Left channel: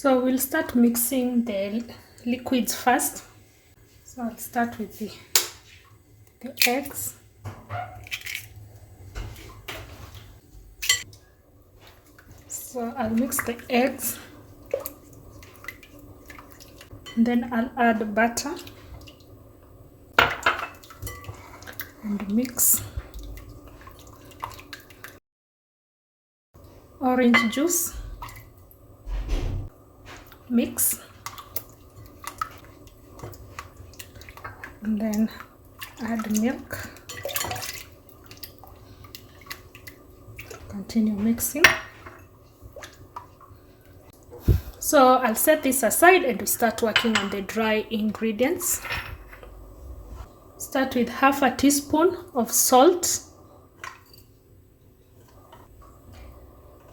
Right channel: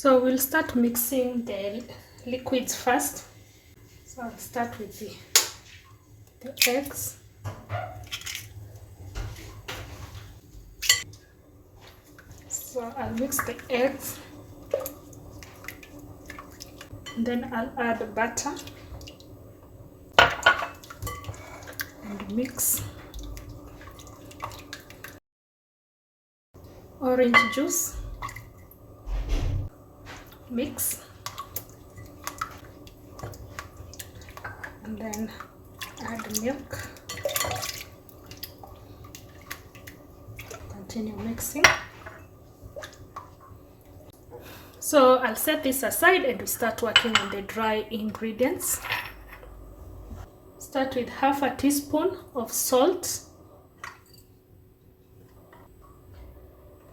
So we'll start mixing the liquids first. So I'll start with the eggs. So I'll mix the eggs, and then I'll add butter and mix. Orange juice, mix, and then add milk. Continue mixing. So I'll set this aside and start working on the dry ingredients. Start with half a teaspoon of salt,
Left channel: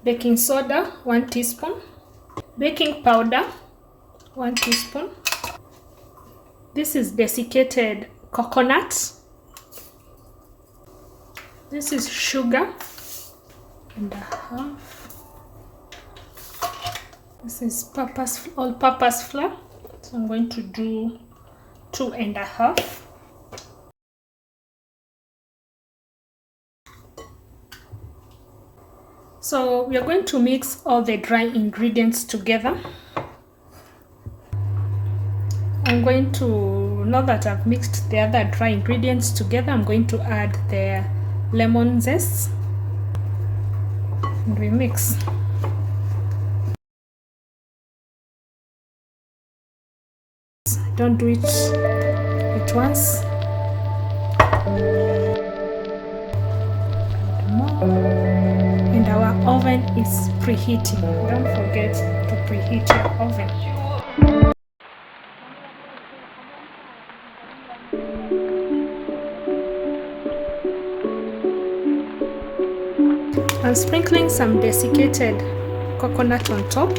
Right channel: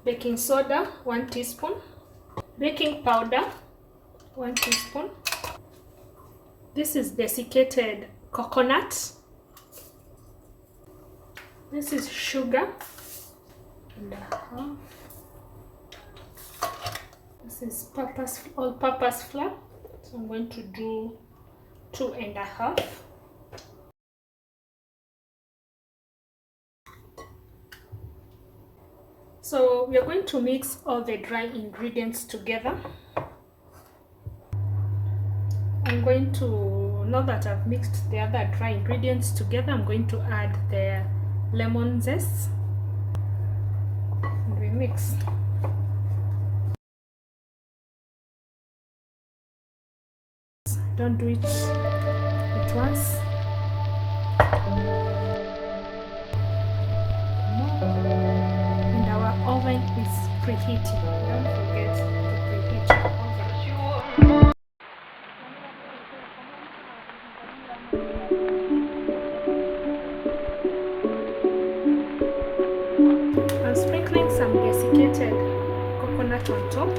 baking soda 1 teaspoon, baking powder 1 teaspoon. This is desiccated coconut. This is sugar and a half. This is all-purpose flour. So I'm going to do 2 1/2. So we are going to mix all the dry ingredients together. I'm going to, now that I've mixed the other dry ingredients together, I'm going to add the lemon zest and we mix. Don't do it at once. And our oven is preheating. Don't forget to preheat your oven. I'm sprinkling some desiccated coconut on top.